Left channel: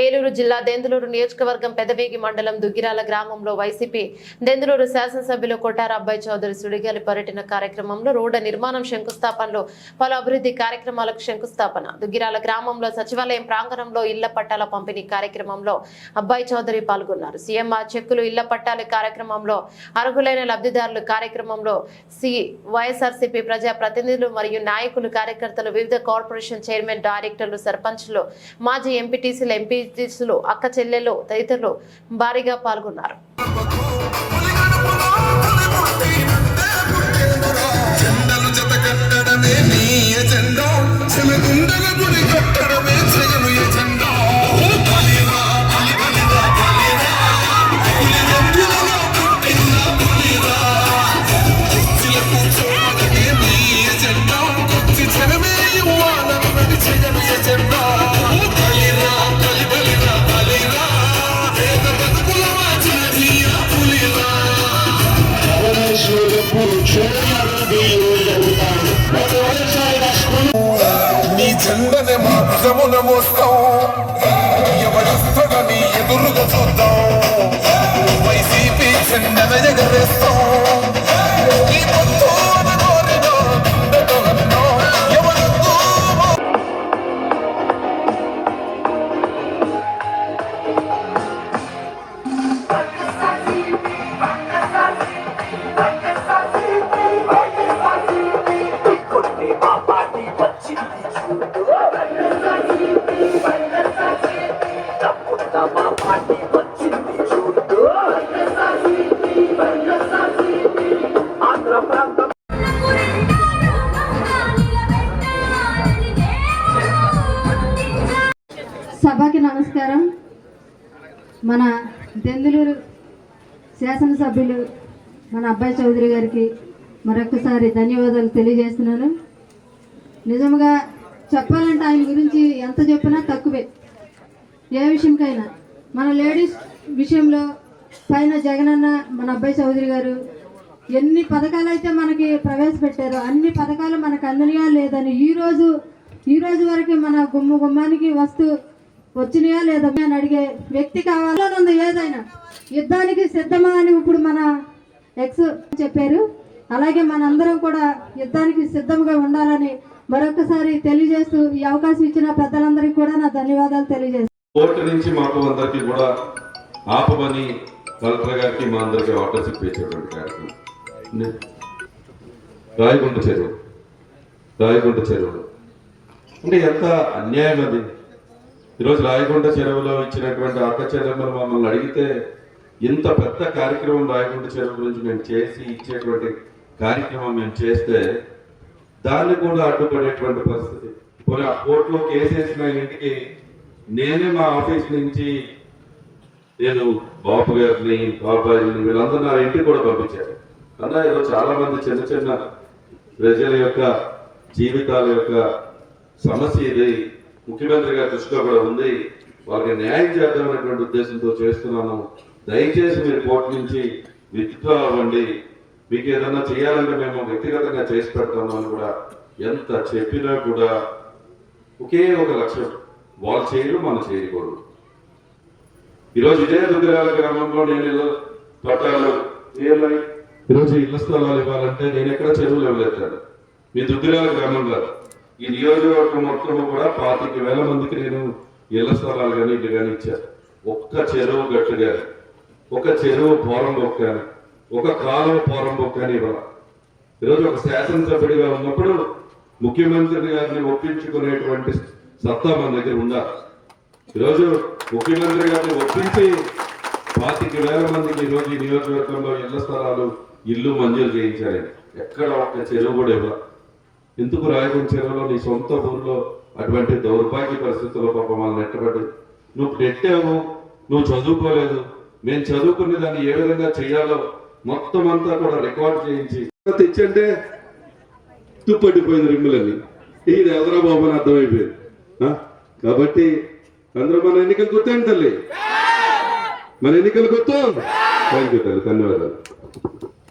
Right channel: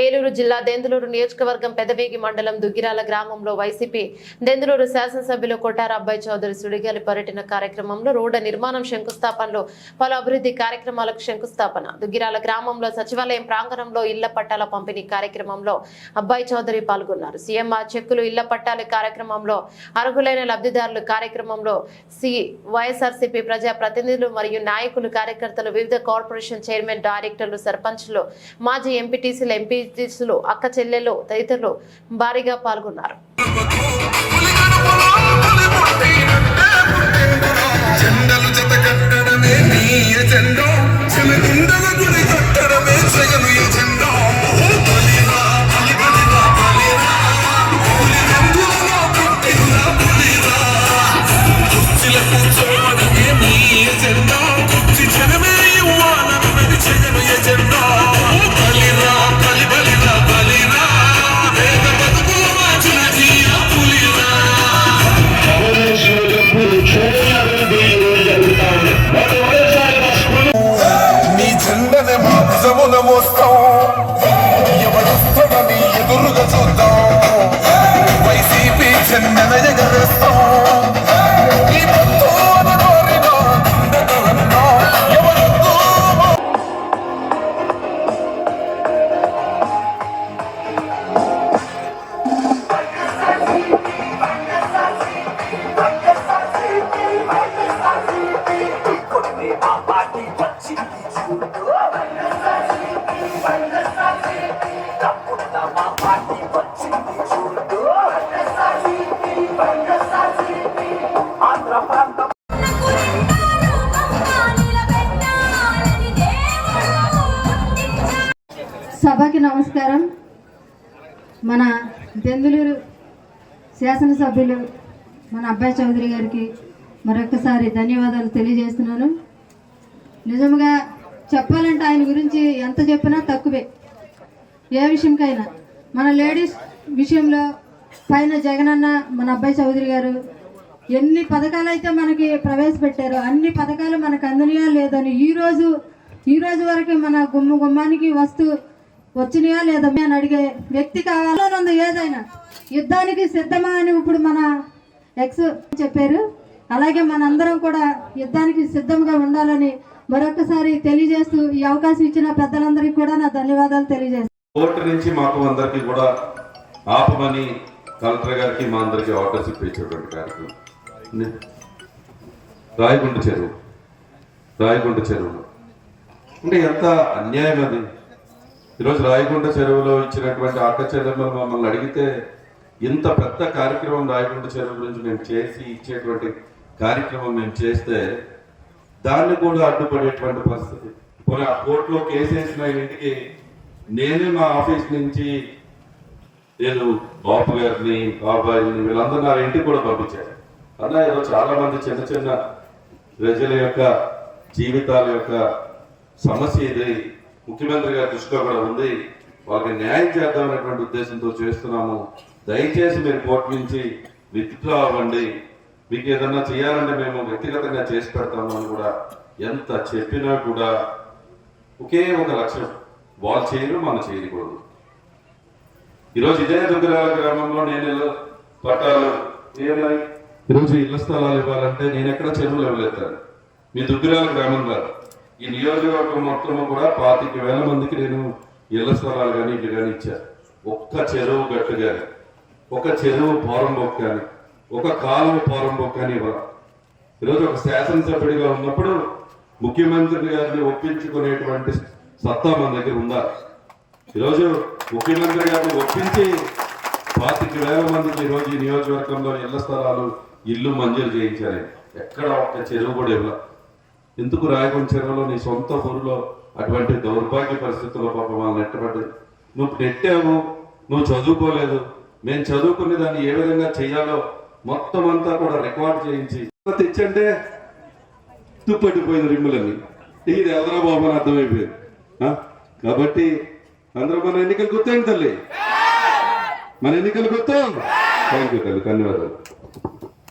ఏలూరు జిల్లా దెందులూరు నియోజకవర్గం పెదవేగి మండలం దుగ్గిరాల గ్రామంలో వైసీపీ దెందులూరు శాసనసభ్యులు కొట్టార అబ్బాయి చౌదరి సుడిగాలి పర్యటన కార్యక్రమంలో రోడ్డు నిర్మాణం శంకుస్థాపనలో పలు అభివృద్ధి కార్యక్రమాలకు శంకుస్థాపన. దుగ్గిరాల గ్రామంలో సచివాలయం ప్రాంగణంలో ఇళ్ల పట్టాల పంపిణీ కార్యక్రమంలో అబ్బాయి చౌదరి పాల్గొన్నారు. సీఎంఆర్ చెక్కులు ఇళ్ల పట్టాల కార్యక్రమంలో అర్హులైన లబ్ధిదారులు కార్యక్రమంలో వైఎస్ఆర్సీపీ ప్రజా ప్రతినిధులు మరియు నాయకులు కార్యకర్తలు వివిధ కార్పొరేషన్ చైర్మన్ డైరెక్టర్లు సర్పంచ్లు మాజీ ఎంపీటీసీలు ఎంపీటీసీలు అక్క చెల్లెలు తదితరులు భారీగా పాల్గొన్నారు. నీ చెందని మా భుజమున మోస్తాం, ఎవరిస్తాడని ఎదురుగా చూద్దాం, వైసీపీ చెందన ఎగరేస్తాం. సభకి నమస్కారం. మన దెందులూరు శాసనసభ్యులు మన అబ్బాయి చౌదరి గారికి మరొకసారి ధన్యవాదాలు తెలియజేస్తున్నాను. నిజంగా చెప్పాలంటే ఆయన గురించి ఎంత చెప్పినా తక్కువే. ఏ విషయంకైనా మన లేడీస్ విషయంలో పైన జగనన్న మన అబ్బాయి చౌదరి గారు ఎన్ని పథకాలు అయితే మనకి ప్రవేశపెట్టారో అన్ని పథకాలు మనకు అందినయా లేదని ఈ రోజు వరకు మన గుమ్మానికి వచ్చినాయా లేదా అని అడిగే వ్యక్తి కావాలనుంది. ఏదైనా యుద్ధానికి సిద్ధమా అని ఇప్పుడు మన ఎక్స్ చెప్పారు. అలాగే మనందరం కూడా యుద్ధానికి సిద్ధంగా ఉండాలని మరొకసారి తెలియజేస్తూ ఈ అవకాశం ఇచ్చిన పెద్దలందరికీ కూడా నా ధన్యవాదాలు తెలియజేస్తాను. కోర్టు నుంచి మాకు అందరికి కూడా ఆపమని కలెక్టర్ గారికి మా అందరికి ఆర్డర్స్ ఇప్పించేటువంటి కార్యక్రమం రాయగుండ చెరువు అంటే ఎంత అన్యాయం అది. ఈరోజు రాయగుండ చెరువులో ఇచ్చినటువంటి అక్క చెల్లెమ్మలు మమ్మల్ని అడిగితే ఇంత పెద్ద కార్యక్రమం రాయగుండ చెరువు గురించి మేము చేసి ఇచ్చేటువంటి కార్యక్రమం మేము చేస్తే దాన్ని కూడా అడ్డుపడేటువంటి పరిస్థితి. పోనీ ఆ కోర్టులో కేసు వేసిన ఇంటికి నేనే మా ఆఫీస్ నుంచి నేను బాబు గారిని బాబాయిని వీళ్ళందరూ నా ఇంటికి కూడా పంపించారు. అలా ఏదో చాలా మంది చిన్న ప్రజల యొక్క జీవితాల యొక్క సమస్య ఇది ముఖ్యమంత్రి గారి దృష్టిలో కూడా ఉంది, వాళ్ళకి న్యాయం చేద్దామనేటువంటి ఉద్దేశంతో చేస్తున్నాము. దయచేసి మీరు కోర్టు నుంచి విత్డ్రా అవ్వండి, మీకు ఏదన్నా చేయాలంటే మేము వ్యక్తిగతంగా చేసి పెడతాము అని కూడా ఎంత చెప్పినా కూడా ఒకే ఒక లక్ష్యం, వాళ్ళు చేయరు మనం చేయకూడదు. ఈరోజు ఇదే దుగ్గిరాల గ్రామంలో నేను ఈరోజు ఇళ్ల స్థలాలు ఇవ్వాలంటే నేను ఎక్కడ చెరువులు ఇవ్వలేస్తాను. మీ దుగ్గిరాల గ్రామం కాదు, ఈ నియోజకవర్గం మొత్తం కూడా 25,000 మందికి నేను ఇళ్ల స్థలాలు కానీ ఇల్లు కానీ ఇచ్చాను. ఒక్క చెరువు గట్టు కానీ, ఒక చెరువు పోరంబొక్క కానీ, ఒక కాలువ పోరంబొక్క కానీ ఇవ్వాలి. ఈరోజు ఒక శాసనసభ్యుడిగా ఉన్నప్పుడు ముఖ్యమంత్రి గారిని ఒప్పించుకునేటువంటి సత్తా మన దగ్గర ఉండాలి. ఈరోజు ముఖ్యమంత్రి గారిని ఒప్పించి 25,000 మందికి ఈరోజు ఈ నియోజకవర్గంలో ఇళ్ల స్థలాలు ఇల్లు మంజూరు చేయించాలి. ఎక్కడ ఒక్క చెరువు కూడా ఇవ్వాలి. ఎందుకు రాయగుండ చెరువులో నీ సొంత ఊరిలో అటువంటి దౌర్భాగ్య పరిస్థితుల్లో పాపం వాళ్ళని నెట్టబడి నువ్వు నెట్టావు, నువ్వు చదువుకోలేదు, నేను చదువుకునే దాన్ని ఏ విధంగా చేయాలో మొత్తం అంతా కూడా రికార్డు చేయించి తెచ్చంటే తుప్పట్టిపోయింది రిమ్ములన్నీ. ఇది ఎవరో బాబు అని అర్థమైపోయింది. కాబట్టి అందరూ మన ఎన్నికలు గుర్తాండి తల్లి, మన ఎన్నికలు గుర్తాం. థ్యాంక్ యూ తల్లి, ధన్యవాదాలు.